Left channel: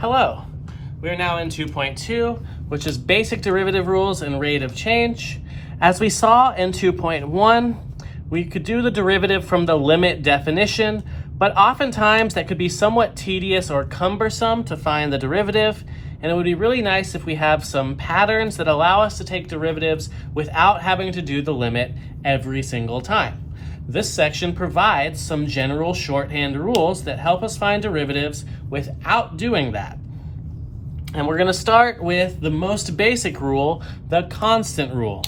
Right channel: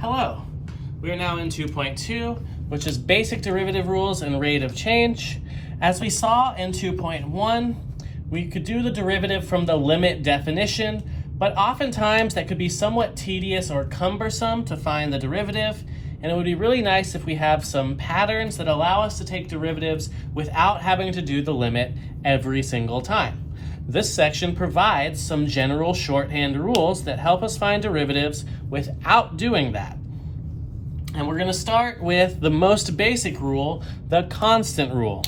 Hello, we are now in 2.2, which is basic derivative rules and rate of change. As we saw in 2.1, we could do the derivative from the limit definition, but oftentimes that could be somewhat tedious or cumbersome to find the derivative, and it would be really nice if we have some patterns that allow us to take derivatives without having to do the limit every single time. This section provides some general shorthand rules that help us find derivatives without doing that. And we're going to start with the most basic rule, the constant rule.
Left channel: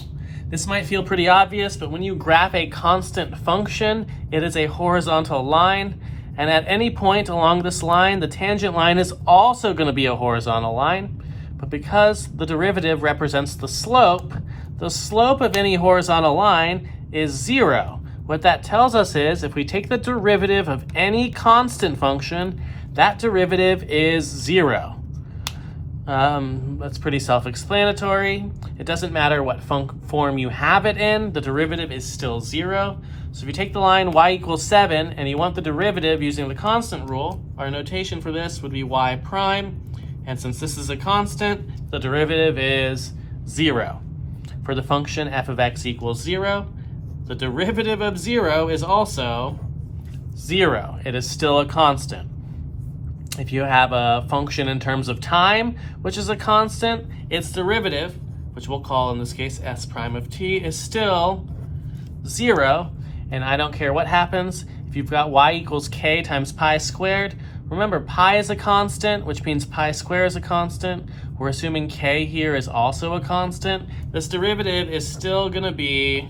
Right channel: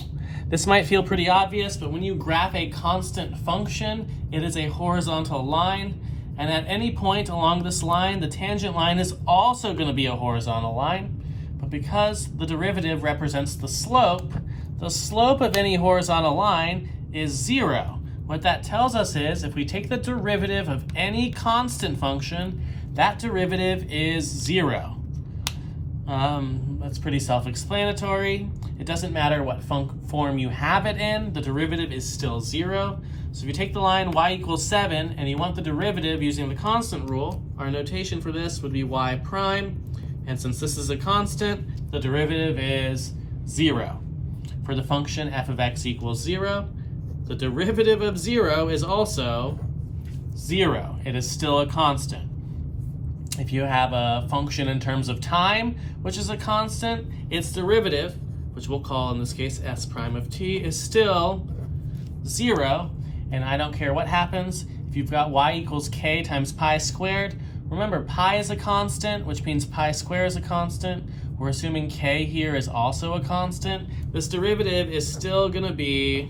This might feel pretty obvious, but when you graph a constant function, it is a horizontal line. And at any point along this line, the tangent line is also going to be a horizontal line. But because the derivative represents the slope of any horizontal line is 0. What that tells us is if we take the derivative of any constant function, that derivative is 0. That's pretty self-explanatory. It doesn't matter what form you have it in, the derivative is still 0. So if you take the line y equals 7 and you want the derivative using the constant rule, our notation for this would be y prime. And since this is a constant, the derivative is 0. For the function f of x equals 0, the derivative of 0 is also 0. It is still a constant. If you have a function in terms of time, which is a constant, its derivative, which we'll call in this case s prime of t, is still 0. And I don't care what happens. If you've got y equals k times pi squared, remember pi is a constant, which means pi squared is a constant. We're assuming k here is also a constant. This derivative is still going to be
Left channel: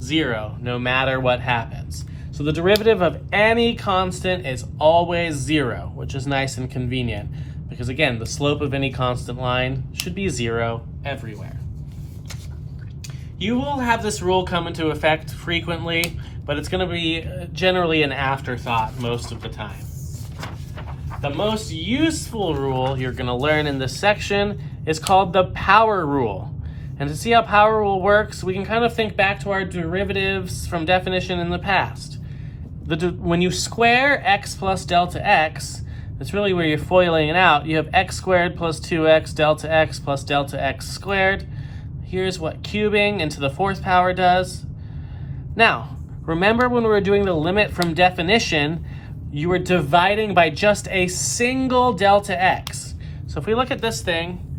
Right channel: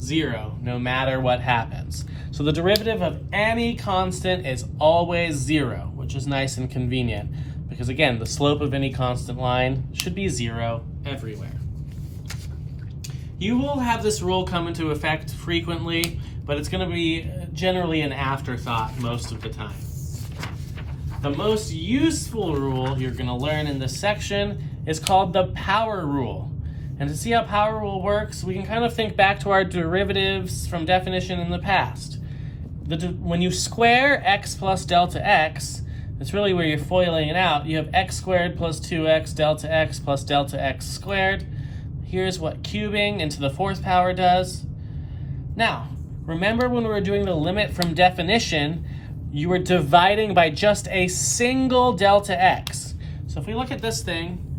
0, no matter what happens. So the derivative of any constant is always 0, which is nice and convenient. Because again, the slope of any constant line should be 0 everywhere. You will have this rule come into effect frequently, but it's going to be generally an afterthought most of the time. The most useful rule you're going to learn in this section is called the power rule. And to see how power rule works, we can kind of think back to our derivatives from definition in the past. When you square x plus delta x, that's really where you're foiling it out. You have x squared plus 2x delta x plus delta x squared. Here's what cubing into the fourth power does. Now, remember when we were doing the limit from definition, you were dividing by just a single delta x. So if we look at this thing,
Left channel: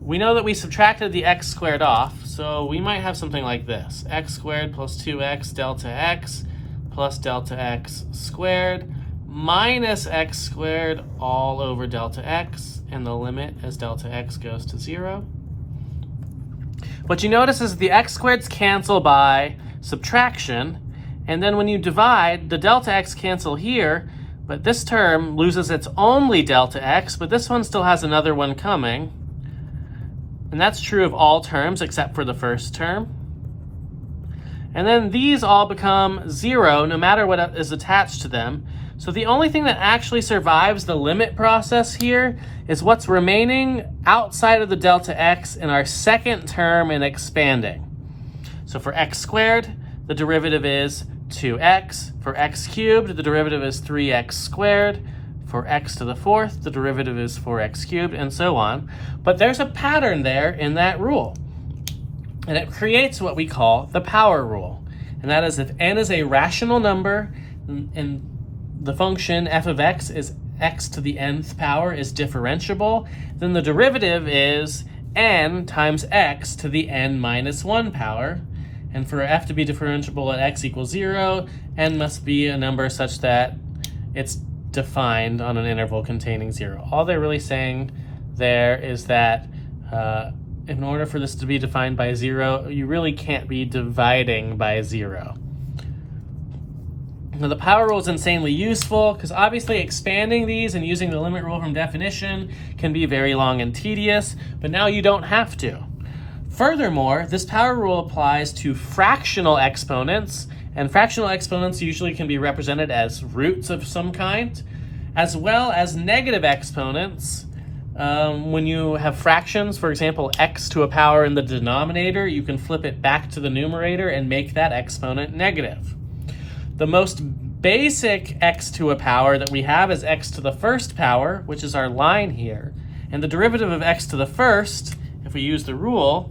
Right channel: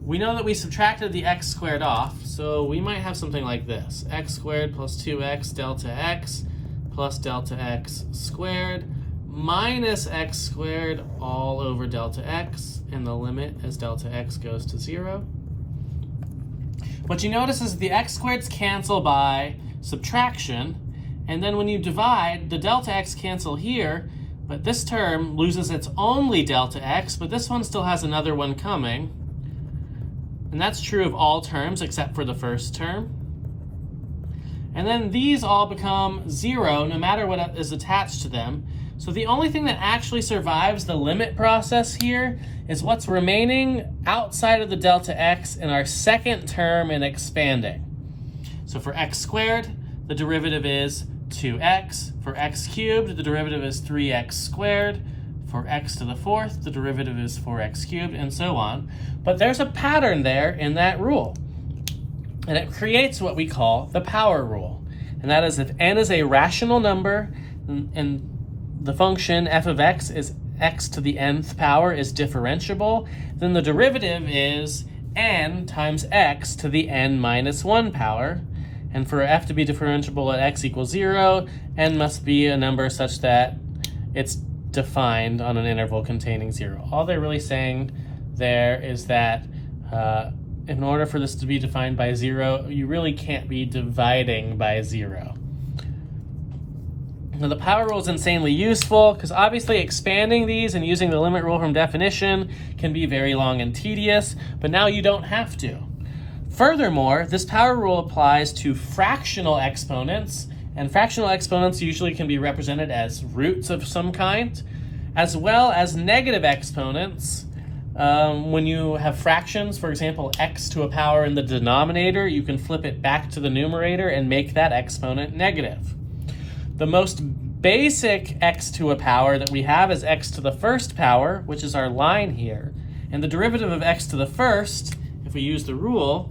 we know that we subtracted the x squared off, so we might have something like this. X squared plus 2x delta x plus delta x squared minus x squared all over delta x, and the limit as delta x goes to 0. What you notice is the x squareds cancel by subtraction, and then when you divide, the delta x cancel here, but this term loses its only delta x, but this one still has another one coming. And that's true of all terms except for the first term. And then these all become 0 no matter what is attached to them. So the only thing that actually survives the limit process here is what's remaining outside of the delta x in our second term in expanding. So for x squared, the derivative is 2x. For x cubed, the derivative is 3x squared. For x to the fourth, the derivative is 4x cubed, and so on. But there's a pattern there in that rule. And it creates what we call the power rule. And that is if n is a rational number, and the function f of x is x to the nth power is differentiable, then the derivative is n times x to the n minus 1 power. And for f to be differentiable at x equals 0, n must be a number such that it's defined on an interval containing 0. All they're really saying there is that in order for this to be defined by 0, you really can't be dividing by 0. Now the power rule is insanely useful because obviously expanding these and using the limit rule from definition can be very long and tedious, but now you don't have to. Furthermore, this power rule applies to fractional exponents, and fractional exponents usually can be represented as roots of some kind, as well as negative exponents. When you have fractions, for example, x to a power in the denominator, you can flip it back to the numerator and make that exponent negative. The most basic x to a power that we have is x to the first power, which is our line here. And the derivative of x to the first, if we use the rule,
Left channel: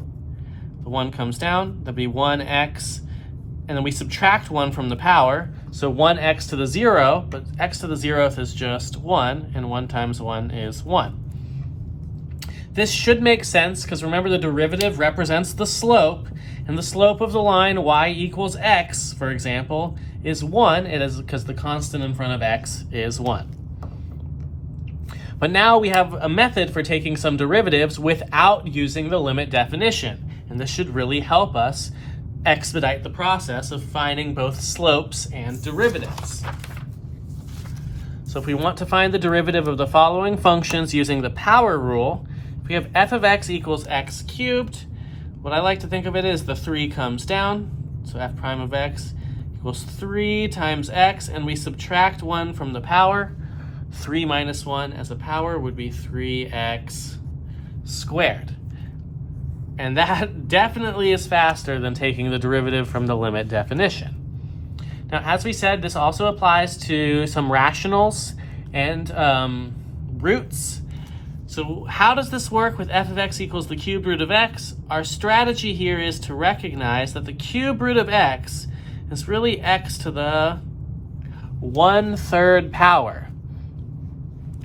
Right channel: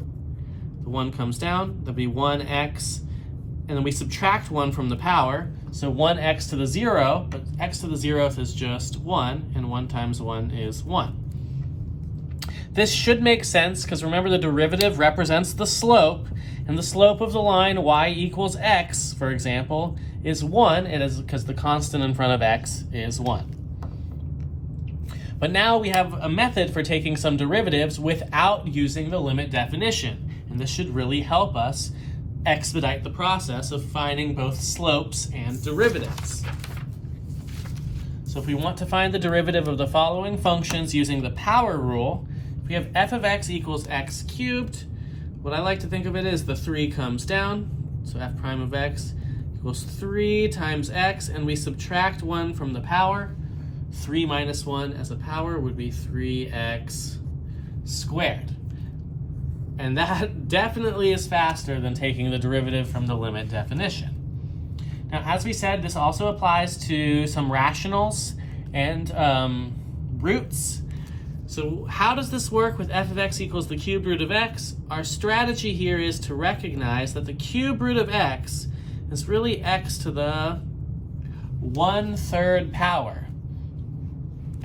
the 1 comes down, that'd be 1x, and then we subtract 1 from the power, so 1x to the 0, but x to the 0th is just 1, and 1 times 1 is 1. This should make sense, because remember the derivative represents the slope, and the slope of the line y equals x, for example, is 1. It is because the constant in front of x is 1. But now we have a method for taking some derivatives without using the limit definition, and this should really help us expedite the process of finding both slopes and derivatives. So if we want to find the derivative of the following functions using the power rule, if we have f of x equals x cubed, what I like to think of it is the 3 comes down, so f prime of x equals 3 times x, and we subtract 1 from the power. 3 minus 1 as a power would be 3x squared. And that definitely is faster than taking the derivative from the limit definition. Now, as we said, this also applies to some rationals and roots. So how does this work with f of x equals the cube root of x? Our strategy here is to recognize that the cube root of x is really x to the 1/3 power.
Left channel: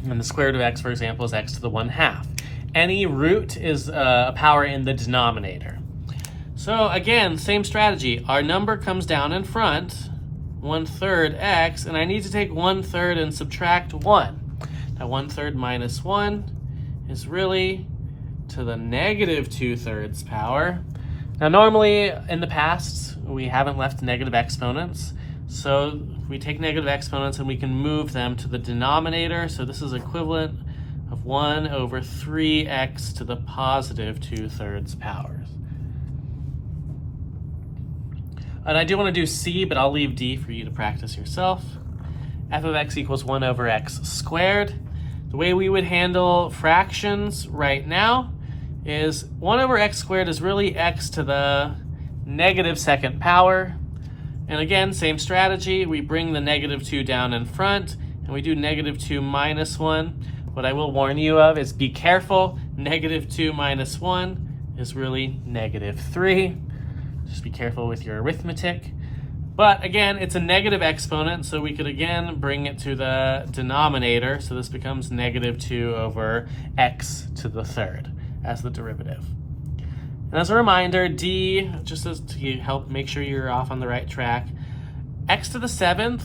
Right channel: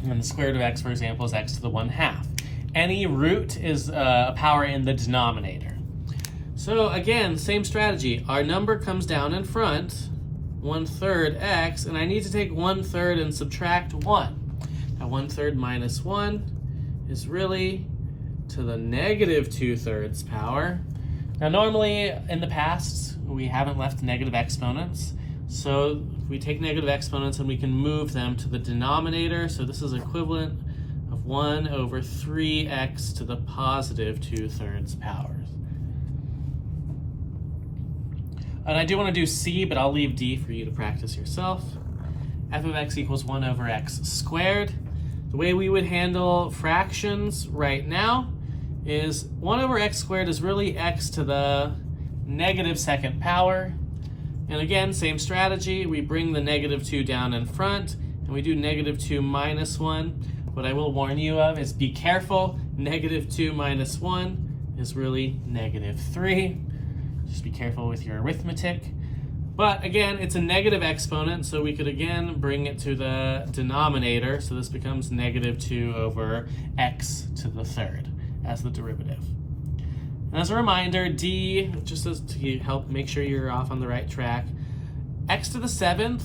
And the square root of x, for example, is x to the 1/2. Any root is a power in the denominator. So again, same strategy. Our number comes down in front, 1/3 x, and I need to take 1/3 and subtract 1. Now 1/3 minus 1 is really to the negative 2/3 power. Now normally in the past, we haven't left negative exponents. So we take negative exponents and we can move them to the denominator. So this is equivalent of 1 over 3x to the positive 2/3 powers. And I do want to do c, but I'll leave d for you to practice yourself. F of x equals 1 over x squared. The way we would handle fractions right now is 1 over x squared is really x to the negative 2nd power. And again, same strategy. We bring the negative 2 down in front, and we do negative 2 minus 1. What I will warn you of is be careful. Negative 2 minus 1 is really negative 3. Just be careful with your arithmetic. But again, it's a negative exponent, so we could again bring it to the denominator. So this becomes negative 2 over x to the 3rd as the derivative. And as a reminder, d, just as to help make sure you're off on the right track, x to the 7th,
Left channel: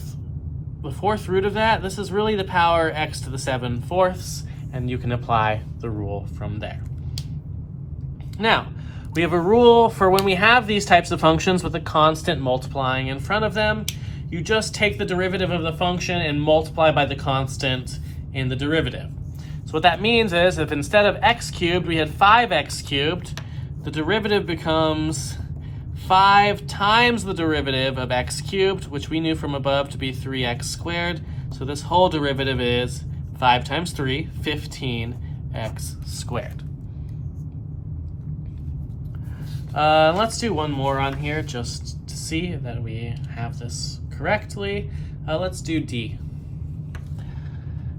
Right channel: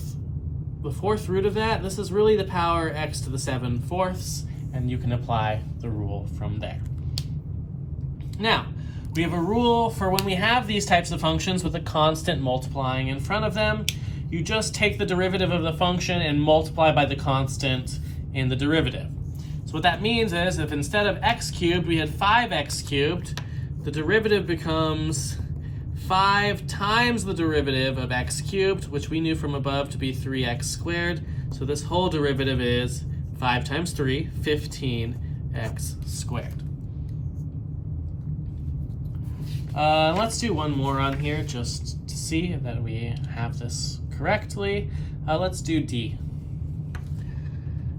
the 4th root of that, this is really the power x to the 7/4, and you can apply the rule from there. Now, we have a rule for when we have these types of functions with a constant multiplying in front of them. You just take the derivative of the function and multiply by the constant in the derivative. So what that means is if instead of x cubed we had 5x cubed, the derivative becomes 5 times the derivative of x cubed, which we knew from above to be 3x squared. So this whole derivative is 5 times 3, 15x squared. Let's do one more on here just to see that we have this correctly. Let's do d.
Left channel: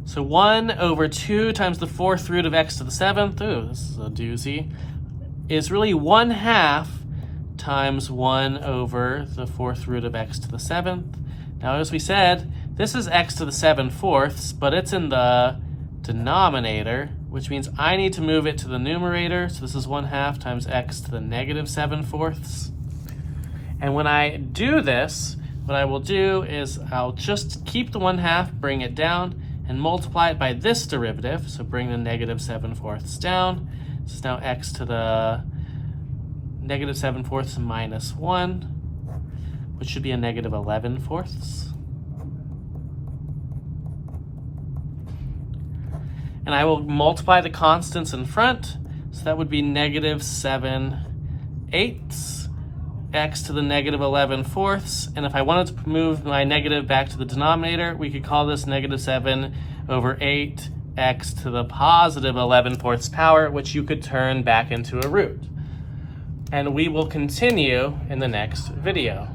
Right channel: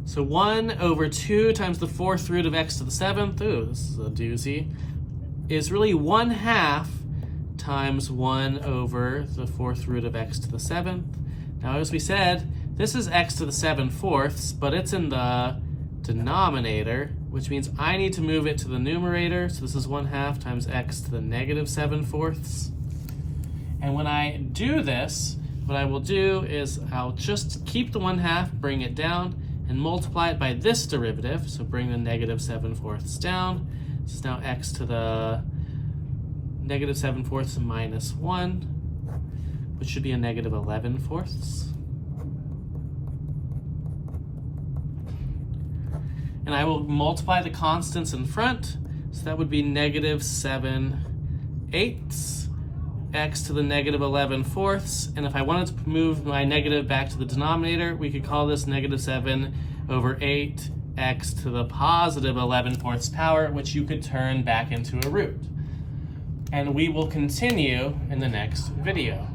So 1 over 2 times the 4th root of x to the 7th, ooh, this is a doozy, is really 1/2 times 1 over the 4th root of x to the 7th. Now, as we said, this is x to the 7/4, but it's in the denominator, which means I need to move it to the numerator. So this is 1/2 times x to the negative 7/4. And when I do this, what I will do is I'll just keep the 1/2, bring it down, and multiply it by this derivative. So bring the negative 7/4 down. This is now x to the negative 7/4 minus 1, which should be a negative 11/4. And I will multiply the constants in front. So that would be negative 7/8 x to the negative 11/4. And if I wanted to move my negative back to the denominator, we could call this negative 7 over 8 x to the positive 11/4 power, which you could turn back into a root. And we will continue in the next video.